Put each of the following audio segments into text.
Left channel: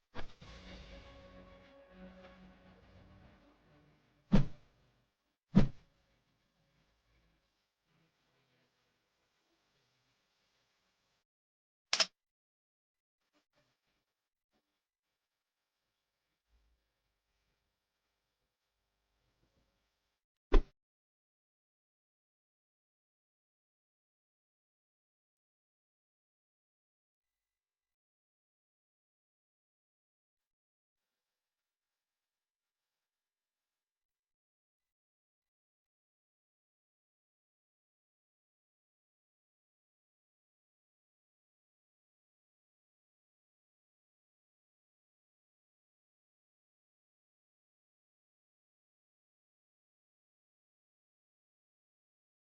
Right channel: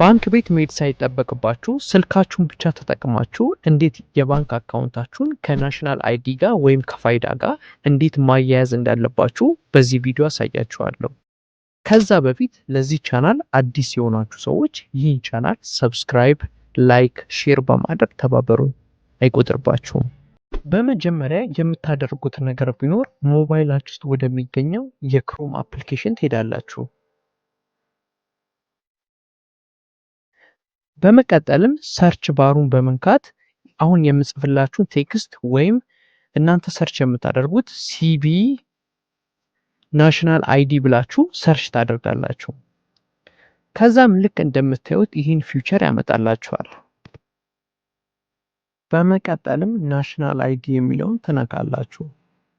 ባንክ ቤት መሄድ ሳይጠበቅባችሁ ስልካችሁን ብቻ ተጠቅማችሁ እንዴት የባንክ አካውንታችሁን ከናሽናል አይዲ ጋር ወይም ከፋይዳ ጋር እንዴት ማያያዝ እንዳለባችሁ በዚህ ቪዲዮ አሳያችኋለሁ። ከዛ በፊት ለዚህ ቻናል አዲስ የሆናችሁ ሰዎች ይህን ቻናል ሰብስክራይብ፣ ላይክ፣ ሼር በማድረግ ተባበሩን፣ አይቆጥርባችሁም። በመጀመሪያ የምታደርጉት ነገር ቢኖር ሞባይላችሁ ውስጥ ወደሚገኘው የክሮም አፕሊኬሽን ትሄዳላችሁ። በመቀጠልም ሰርች ባሩን በመንካት አሁን የምጽፍላችሁን ቴክስት ወይም እናንተ ሰርች የምታደርጉት ሲቢ ናሽናል አይዲ ብላችሁ ሰርች ታደርጋላችሁ። ከዛም ልክ እንደምታዩት ይህን ፊውቸር ያመጣላችኋል። በመቀጠልም ናሽናል አይዲ የሚለውን ትነካላችሁ።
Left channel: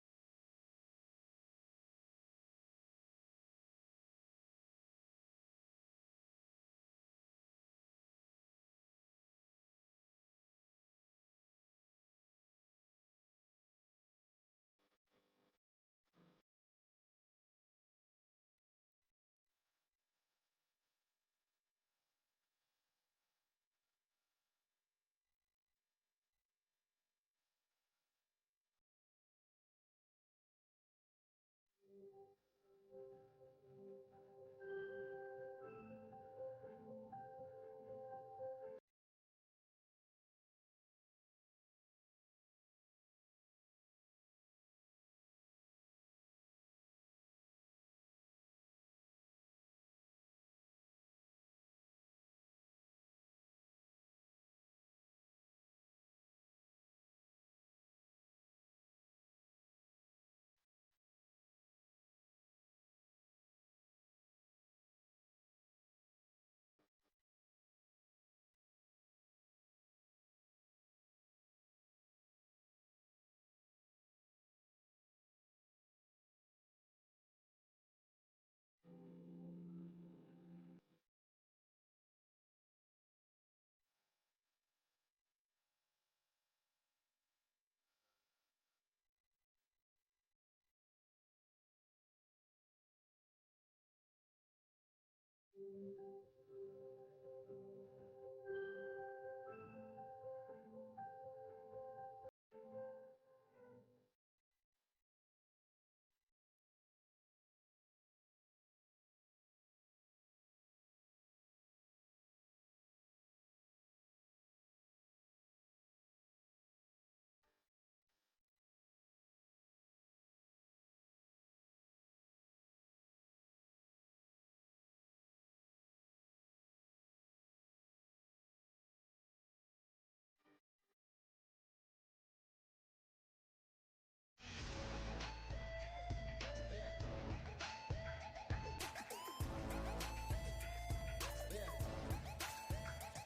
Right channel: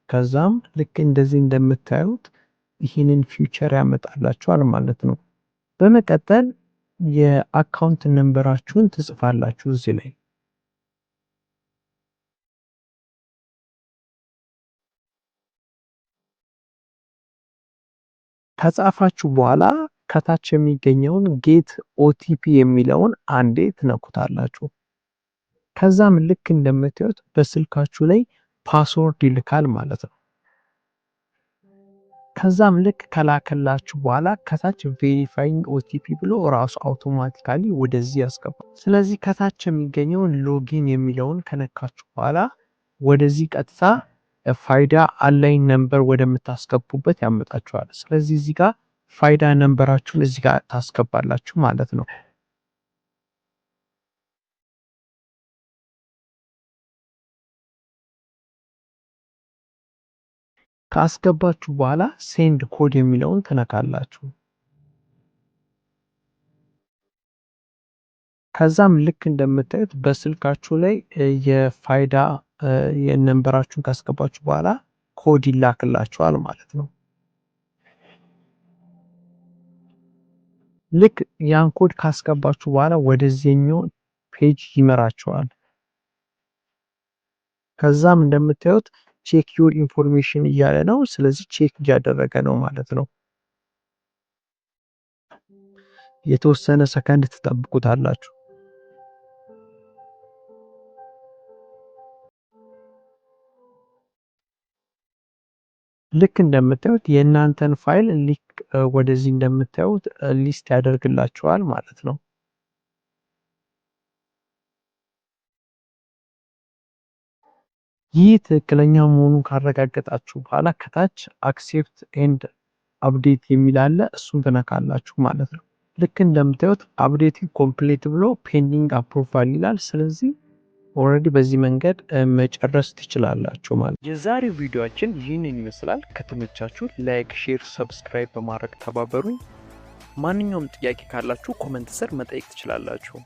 ከዛም ልክ እንደዚህ እንደምታዩት ይህንን ፊውቸር ያመጣላችኋል ማለት ነው። በመቀጠል የአካውንት ነምበራችሁን ትጽፋላችሁ እዚህ ላይ። ከጻፋችሁ በኋላ ከታች የሚገኘውን ጌት ኦቲፒ የሚለውን አንዴ ትነኩታላችሁ። ከዛም ልክ እንደምታዩት በስልካችሁ ላይ ፓስወርድ ይልካል ማለት ነው። ከዛም ልክ ከላከላችሁ በኋላ ከታች ቬሪፋይንግ ኦቲፒ ብሎ ራሱ አውቶማቲካሊ ወደዚህ ያስገባል። ስለዚህ ከታች የሚገኘውን ሎጊን የሚለውን ከነካችሁ በኋላ ወደዚህ ቀጥታ ፋይዳ አላይን ነምበር ወደምታስገቡበት ያመጣችኋል። ስለዚህ እዚህ ጋር ፋይዳ ነምበራችሁን እዚህ ጋር ታስገባላችሁ ማለት ነው። ካስገባችሁ በኋላ ሴንድ ኮድ የሚለውን ትነካላችሁ። ከዛም ልክ እንደምታዩት በስልካችሁ ላይ የፋይዳ የነምበራችሁን ካስገባችሁ በኋላ ኮድ ይላክላችኋል ማለት ነው። ልክ ያን ኮድ ካስገባችሁ በኋላ ወደዚህኛው ፔጅ ይመራችኋል። ከዛም እንደምታዩት ቼክ ዩር ኢንፎርሜሽን እያለ ነው። ስለዚህ ቼክ እያደረገ ነው ማለት ነው። የተወሰነ ሰከንድ ትጠብቁታላችሁ። ልክ እንደምታዩት የእናንተን ፋይል ወደዚህ እንደምታዩት ሊስት ያደርግላችኋል ማለት ነው። ይህ ትክክለኛ መሆኑን ካረጋገጣችሁ በኋላ ከታች አክሴፕት ኤንድ አፕዴት የሚል አለ። እሱን ትነካላችሁ ማለት ነው። ልክ እንደምታዩት አፕዴት ኮምፕሊት ብሎ ፔንዲንግ አፕሩቫል ይላል። ስለዚህ ኦልሬዲ በዚህ መንገድ መጨረስ ትችላላችሁ ማለት ነው። የዛሬው ቪዲዮአችን ይህንን ይመስላል። ከተመቻችሁ ላይክ፣ ሼር፣ ሰብስክራይብ በማድረግ ተባበሩኝ። ማንኛውም ጥያቄ ካላችሁ ኮመንት ስር መጠየቅ ትችላላችሁ።